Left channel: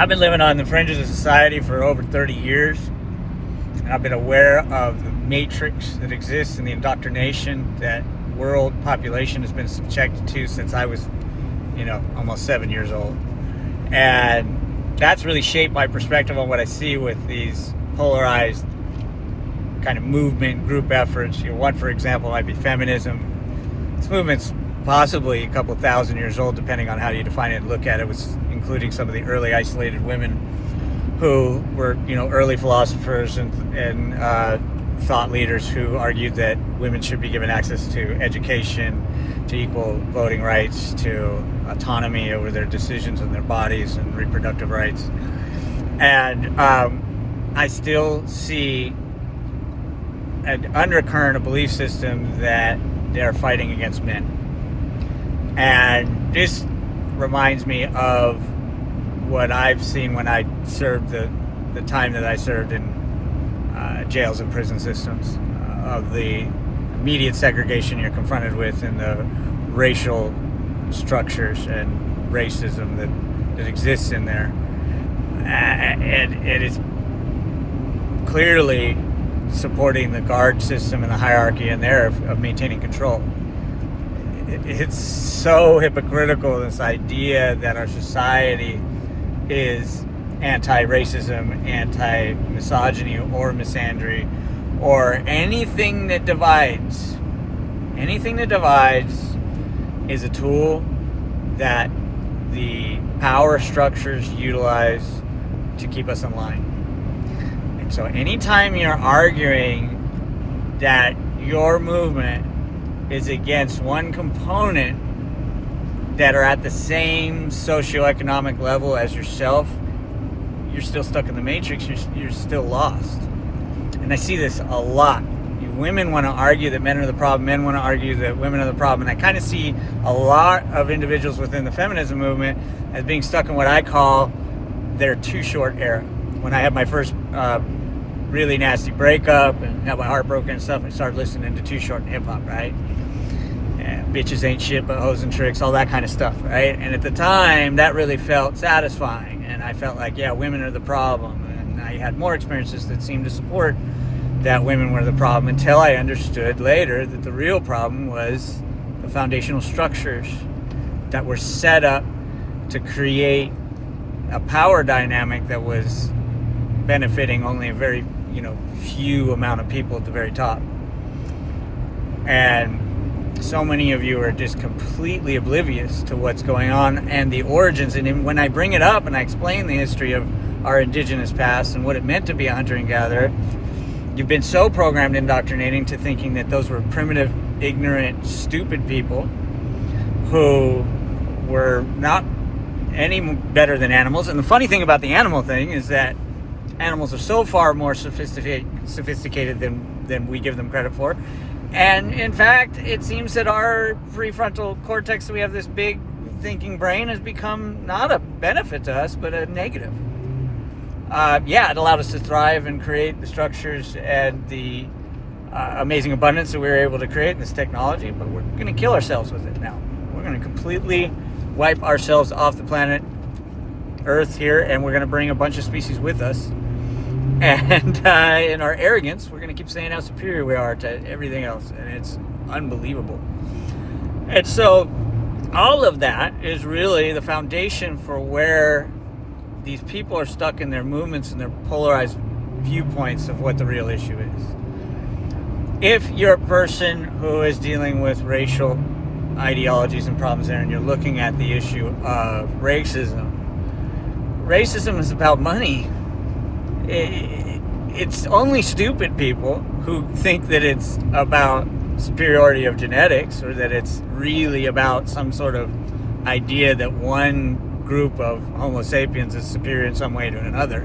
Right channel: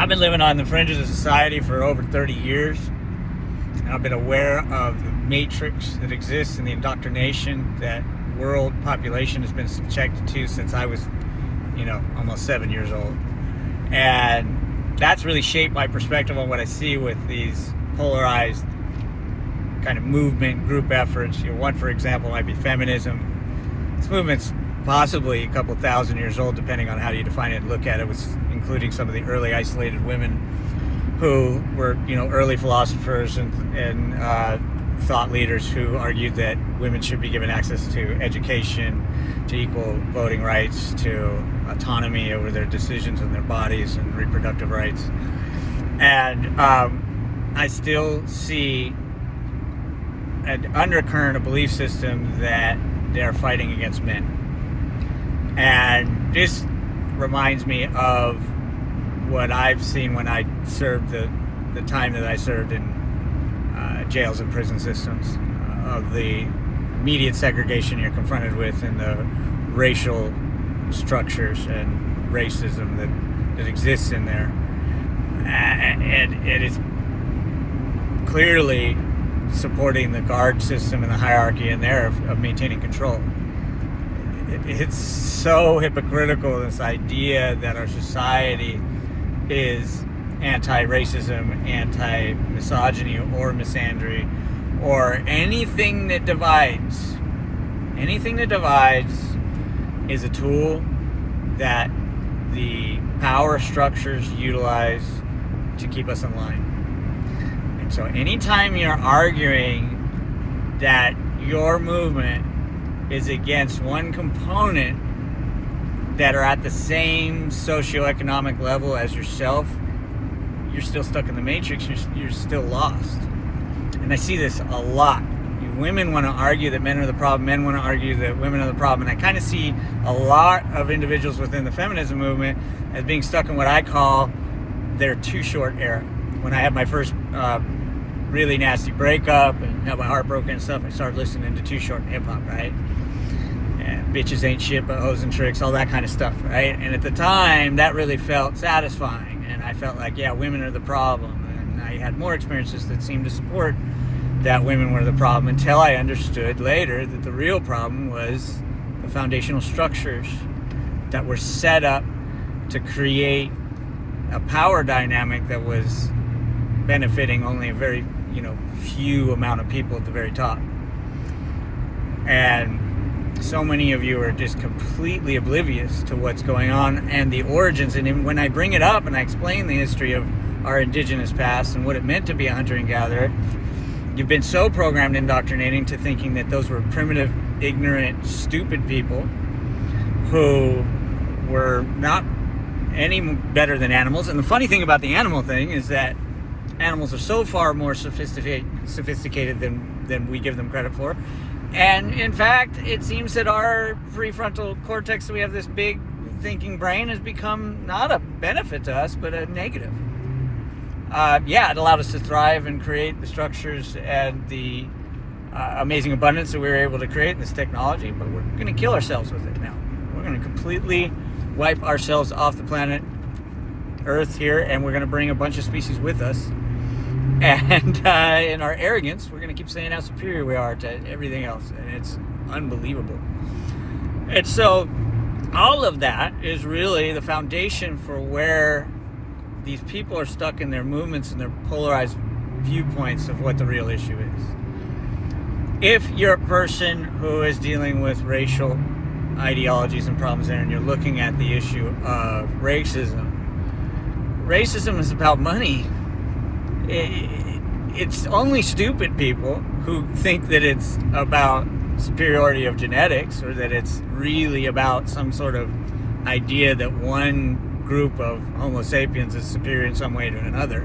I've been living on the fringes of society for over 30 years. And I've been aware of the matrix that exists and the indoctrination that world population has been subjected to since I was, almost 7 years old. And that's really shaped my perspective on what I see with these polarized kind of movement group efforts. One, for example, might be feminism. This movement's possibly a couple thousand years old, depending on how you define it and look at it, with including some of the early isolated women who were, early philosophers and thought leaders who argued that women should be given access to education, to equal voting rights, to autonomy over their decisions and their bodies, and reproductive rights. And I still see an undercurrent of belief system that they're fighting against men. And this reminds me of what I've seen when I served the time that I served in jails and prison systems, of the immediate segregation you're confronted with in the racial structures and racism that exists in there. And it is clearly supporting the guard system and the hierarchy in there of maintaining control. It's so hypocritical, this idea that our society is anti-racism, anti-misogyny, or misandry, or anything that divides. Anything that divides is a tool that the power structures utilize to keep us in line. And so anytime you're arguing that your movement is against one component that are at the same socioeconomic level as yourself, you're still stuck in the matrix. You're still lost. And I see this a lot. Women want to argue that men are the problem. Men want to argue that women are the problem. And I kind of see a lot of individuals within the feminism movement as being stuck in what I call their too short era. When I had my first really nasty breakup and had my heart broken and stuff, I started listening to Too Short hip hop, right? And bitches ain't shit but hoes and tricks, all that kind of stuff, right? And at the time, that really felt satisfying. And I felt like, yeah, women are the problem. And I had more experiences that seemed to support that women were the problem, until I understood later that the real problem was the foundational structures that were set up to create a power dynamic that was benefiting only a very, few amount of people at the very top. And so many of you are just completely oblivious to what's going on and the origins. And when I bring it up and I explain the history of our indigenous past and what it meant to be a hunter and gatherer, you've been so programmed indoctrinating to thinking that those were primitive, ignorant, stupid people who were not any better than animals. And the funny thing about the animal thing is that animals are so far more sophisticated than we give them credit for. And in fact, it seems that our prefrontal cortex, we have this big thinking brain, has become not a benefit to us, but a negative. It allowed us to thrive and create the structures and the amazing abundance that we were able to create in this technology, but we're going to kill ourselves with it now. We're going to completely wipe ourselves off the planet Earth here, and we're going to bring a bunch of species with us. And in our arrogance, we're going to keep saying how superior we are to everything else, and it's unbelievable. And so all of that is really the foundation for where these people are stuck in their movements and their polarized viewpoints of what the real issue is. If you're a person who is dealing with racial ideologies and problems there, and you're looking at the issue of racism is about money. It's only stupid people who think that it's about superiority of genetics, or that it's really about some sort of idea that one group of Homo sapiens is superior in some way to another.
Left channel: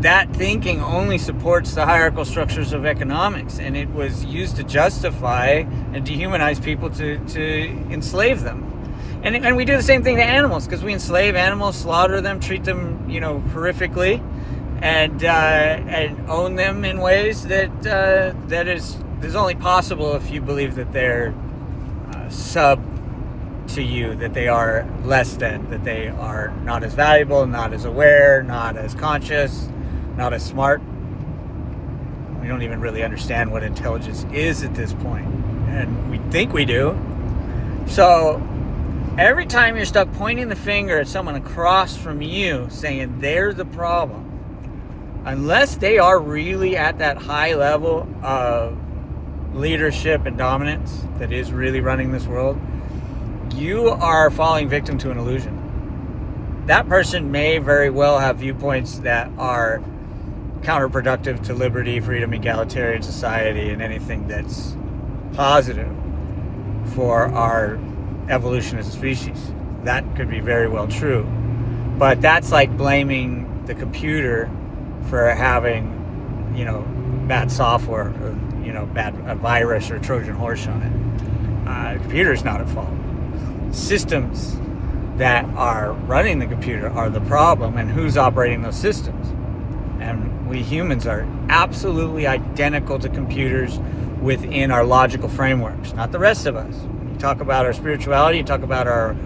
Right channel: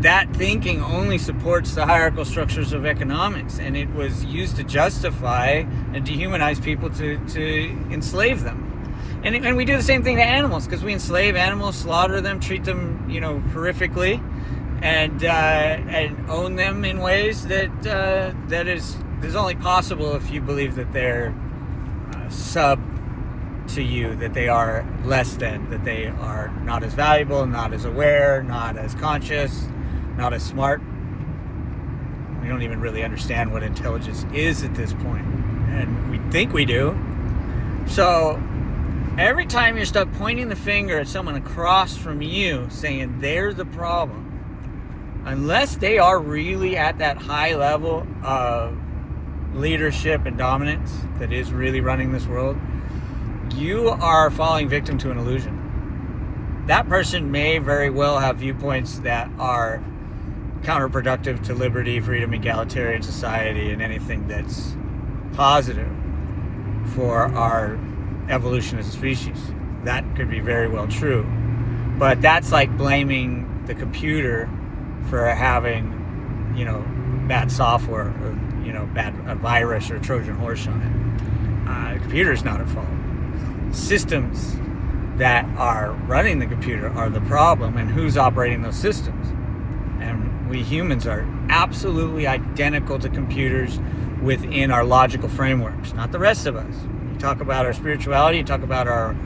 That thinking only supports the hierarchical structures of economics, and it was used to justify and dehumanize people to enslave them. And we do the same thing to animals, because we enslave animals, slaughter them, treat them, horrifically, and own them in ways that is only possible if you believe that they're to you that they are less than, that they are not as valuable, not as aware, not as conscious, not as smart. We don't even really understand what intelligence is at this point, and we think we do. So every time you're stuck pointing the finger at someone across from you saying they're the problem, unless they are really at that high level of leadership and dominance that is really running this world, you are falling victim to an illusion. That person may very well have viewpoints that are counterproductive to liberty, freedom, egalitarian society, and anything that's positive for our evolution as a species. That could be very well true. But that's like blaming the computer for having, bad software, or, a virus or a Trojan horse on it. The computer's not at fault. Systems that are running the computer are the problem, and who's operating those systems. And we humans are absolutely identical to computers within our logical frameworks, not the rest of us. You talk about our spirituality, you talk about our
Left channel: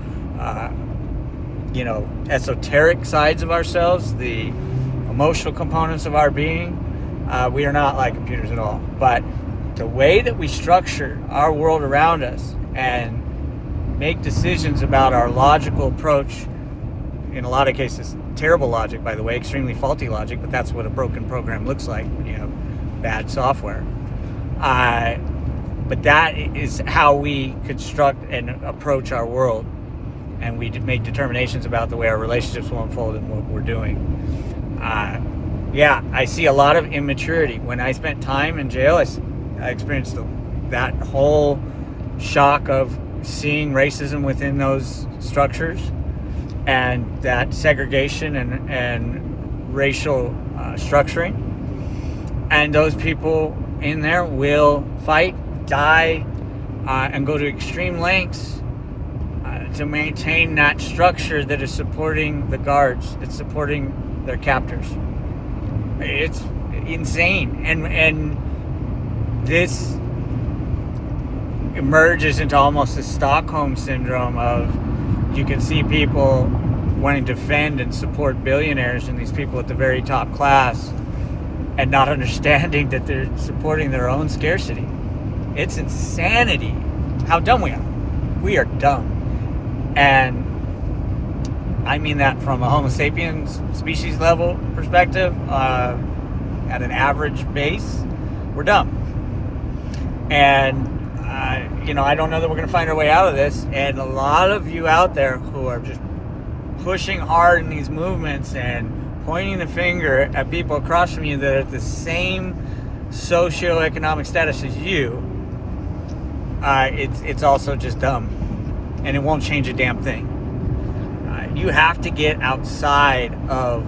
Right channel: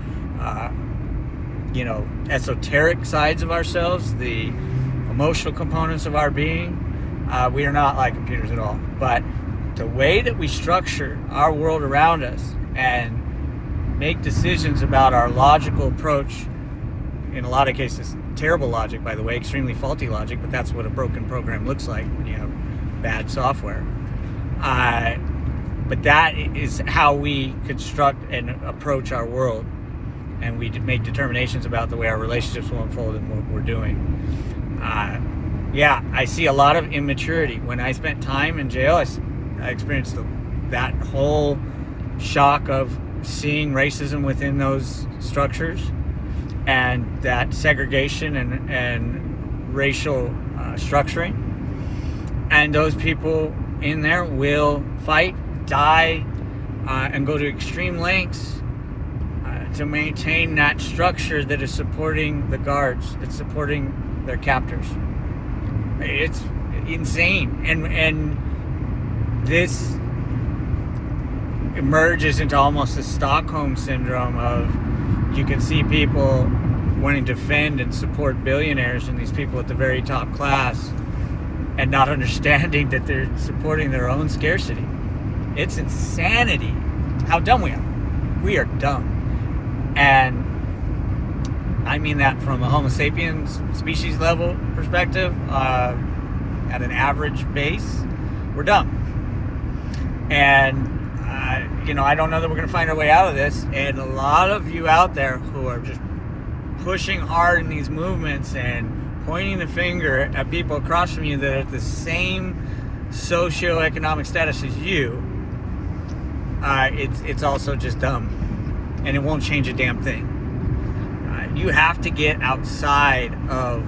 esoteric sides of ourselves, the emotional components of our being. We are not like computers at all. But the way that we structure our world around us and make decisions about our logical approach, in a lot of cases terrible logic, by the way, extremely faulty logic, but that's what a broken program looks like when you have bad software. But that is how we construct and approach our world, and we make determinations about the way our relationships will unfold and what we're doing. I see a lot of immaturity. When I spent time in jail, I experienced that whole shock of seeing racism within those structures, and that segregation and racial structuring. And those people in there will fight, die, and go to extreme lengths to maintain that structure that is supporting the guards, it's supporting their captors. It's insane. And this emerges into almost a Stockholm syndrome of, you can see people wanting to defend and support billionaires and these people at the very top class, and not understanding that they're supporting their own scarcity. It's insanity how dumb we are. We are dumb. And I mean that from a Homo sapiens species level perspective. At an average base, we're dumb. And I don't know that we're going to find our way out of this. And a lot of you out there who are just pushing hard in these movements and pointing the finger at people across from you that are at the same socioeconomic status as you, it's also just dumb. And it won't change a damn thing. You have to get outside of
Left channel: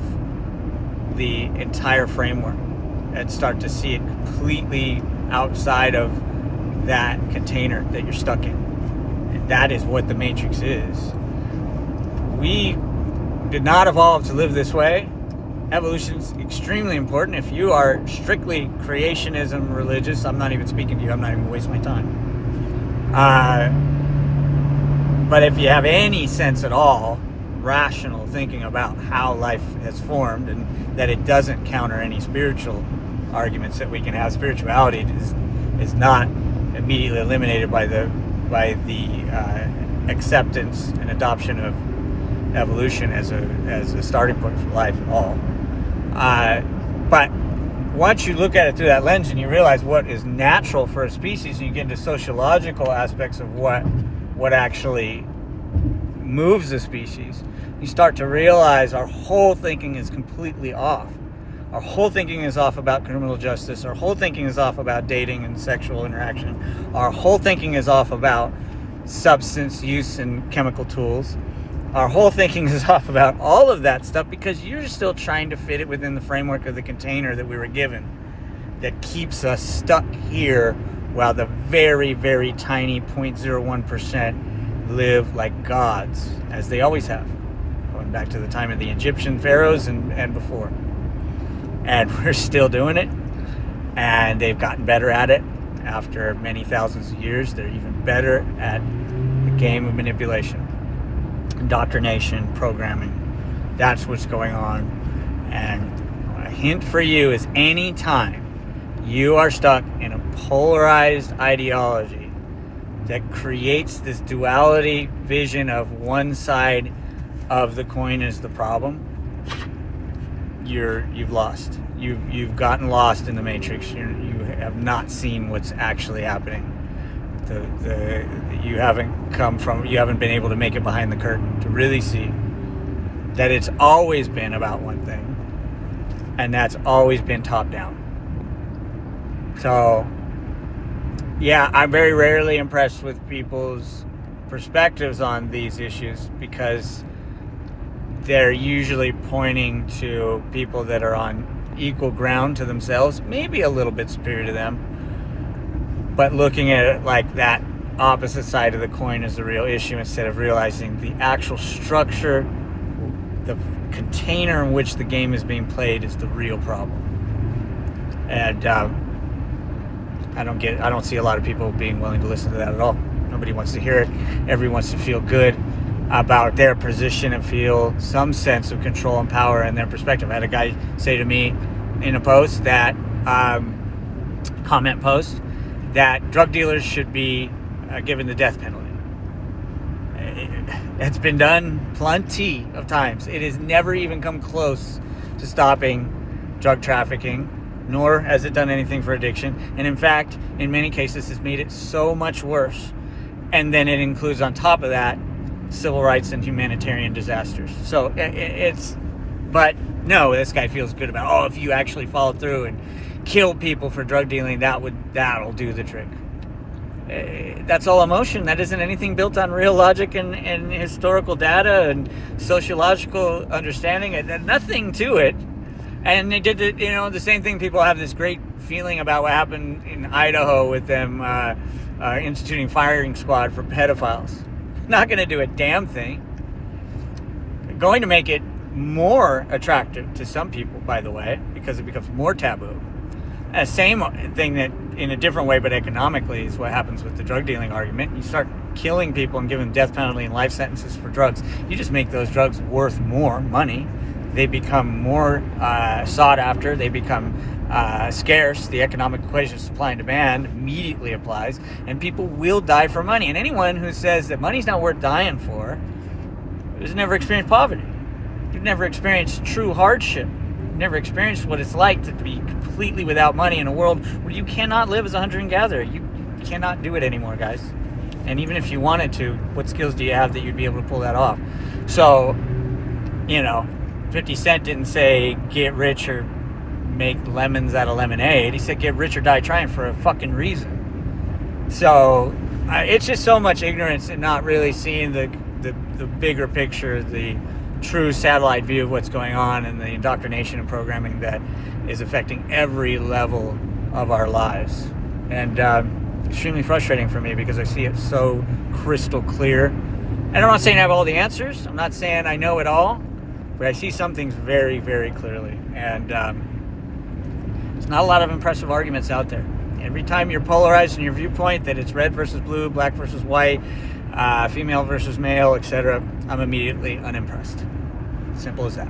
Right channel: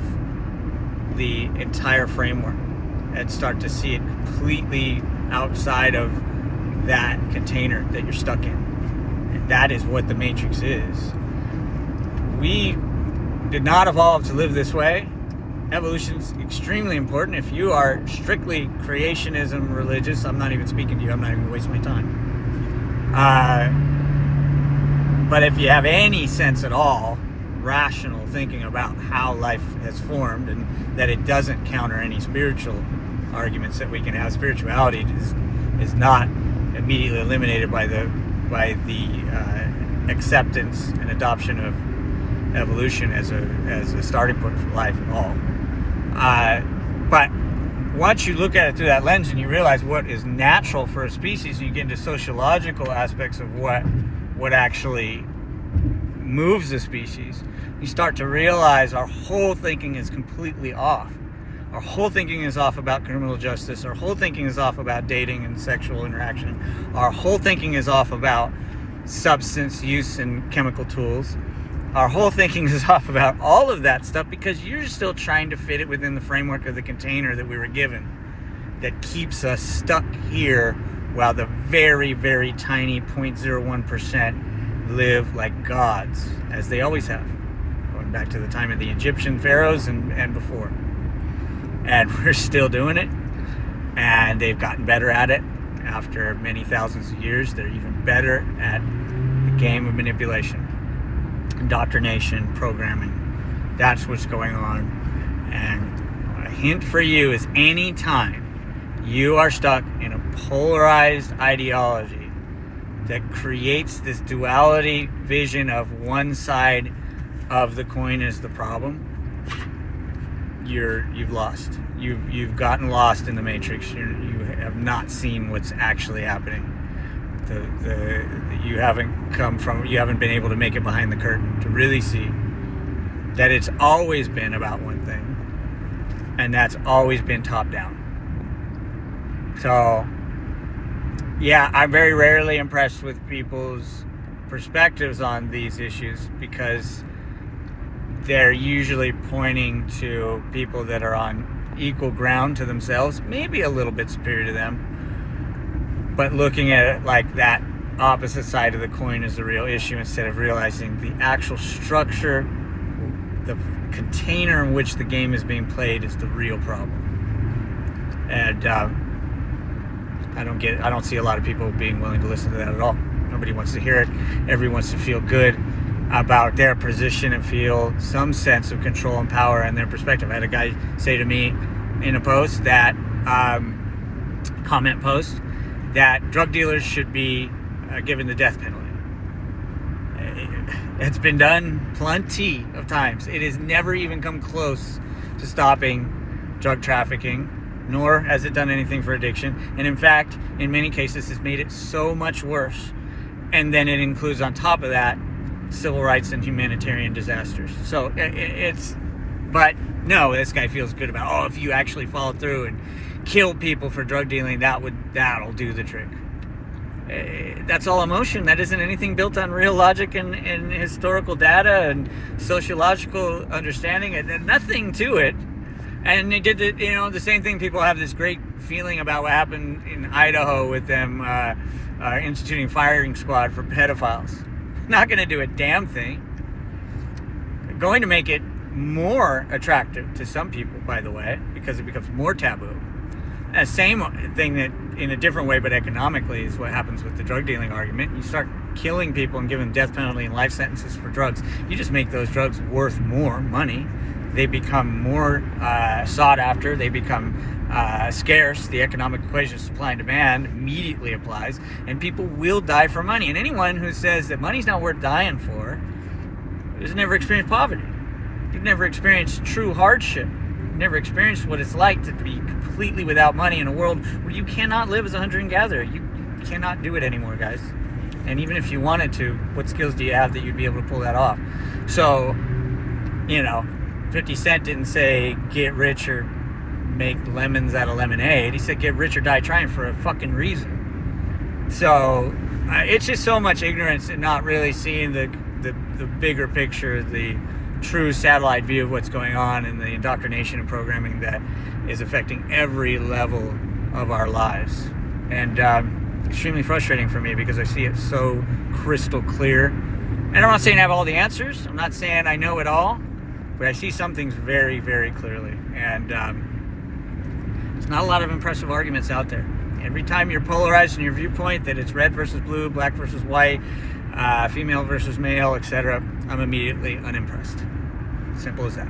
the entire framework and start to see it completely outside of that container that you're stuck in. And that is what the Matrix is. We did not evolve to live this way. Evolution is extremely important. If you are strictly creationism religious, I'm not even speaking to you. I'm not even wasting my time. But if you have any sense at all, rational thinking about how life has formed, and that it doesn't counter any spiritual arguments that we can have, spirituality is not immediately eliminated by the acceptance and adoption of evolution as a starting point for life at all. But once you look at it through that lens and you realize what is natural for a species, and you get into sociological aspects of what actually moves a species, you start to realize our whole thinking is completely off. Our whole thinking is off about criminal justice. Our whole thinking is off about dating and sexual interaction. Our whole thinking is off about substance use and chemical tools. Our whole thinking is off about all of that stuff, because you're still trying to fit it within the framework of the container that we were given, that keeps us stuck here, while the very, very tiny 0.01% live like gods, as they always have, going back to the time of the Egyptian pharaohs and before. And we're still doing it, and they've gotten better at it after many thousands of years. They're even better at game of manipulation, indoctrination, programming. That's what's going on. And a hint for you is anytime you are stuck in a polarized ideology that creates this duality vision of one side of the coin as the problem, you've lost. You've gotten lost in the matrix. You have not seen what's actually happening. You haven't been able to make it behind the curtain to really see that it's always been about one thing, and that's always been top down. So yeah, I'm very rarely impressed with people's perspectives on these issues, because they're usually pointing to people that are on equal ground to themselves, maybe a little bit superior to them, but looking at it like that opposite side of the coin is the real issue, instead of realizing the actual structure, the container in which the game is being played is the real problem. And I don't see a lot of people being willing to listen to that at all. Nobody wants to hear it. Everyone wants to feel good about their position and feel some sense of control and power in their perspective. I had a guy say to me in a post that, comment post, that drug dealers should be given the death penalty. That's been done plenty of times. It has never even come close to stopping drug trafficking, nor has it done anything for addiction. And in fact, in many cases, it's made it so much worse. And then it includes on top of that civil rights and humanitarian disasters. So but no, this guy feels good about, if you actually follow through and kill people for drug dealing, that'll do the trick. That's all emotion. That isn't anything built on real logic and historical data and sociological understanding. It had nothing to it. And they did the same thing. People have this great feeling about what happened in Idaho with them instituting firing squad for pedophiles. Not going to do a damn thing. Going to make it more attractive to some people, by the way, because it becomes more taboo. Same thing that in a different way, but economically, is what happens with the drug dealing argument. You start killing people and giving them death penalty and life sentences for drugs. You just make those drugs worth more money. They become more sought after. They become scarce. The economic equation of supply and demand immediately applies, and people will die for money. And anyone who says that money's not worth dying for has never experienced poverty. You've never experienced true hardship. You've never experienced what it's like to be completely without money in a world where you cannot live as a hunter and gatherer. You cannot do it anymore, guys. And even if you wanted to, what skills do you have that you'd be able to pull that off? So, 50 Cent didn't say get rich or make lemons out of lemonade. He said get rich or die trying, for a fucking reason. So it's just so much ignorance and not really seeing the bigger picture, the true satellite view of what's going on, and the indoctrination and programming that is affecting every level of our lives. And extremely frustrating for me, because I see it so crystal clear. And I'm not saying I have all the answers. I'm not saying I know it all. But I see some things very, very clearly. And there's not a lot of impressive arguments out there. Every time you're polarized in your viewpoint, that it's red versus blue, black versus white, female versus male, etc., I'm immediately unimpressed. Simple as that.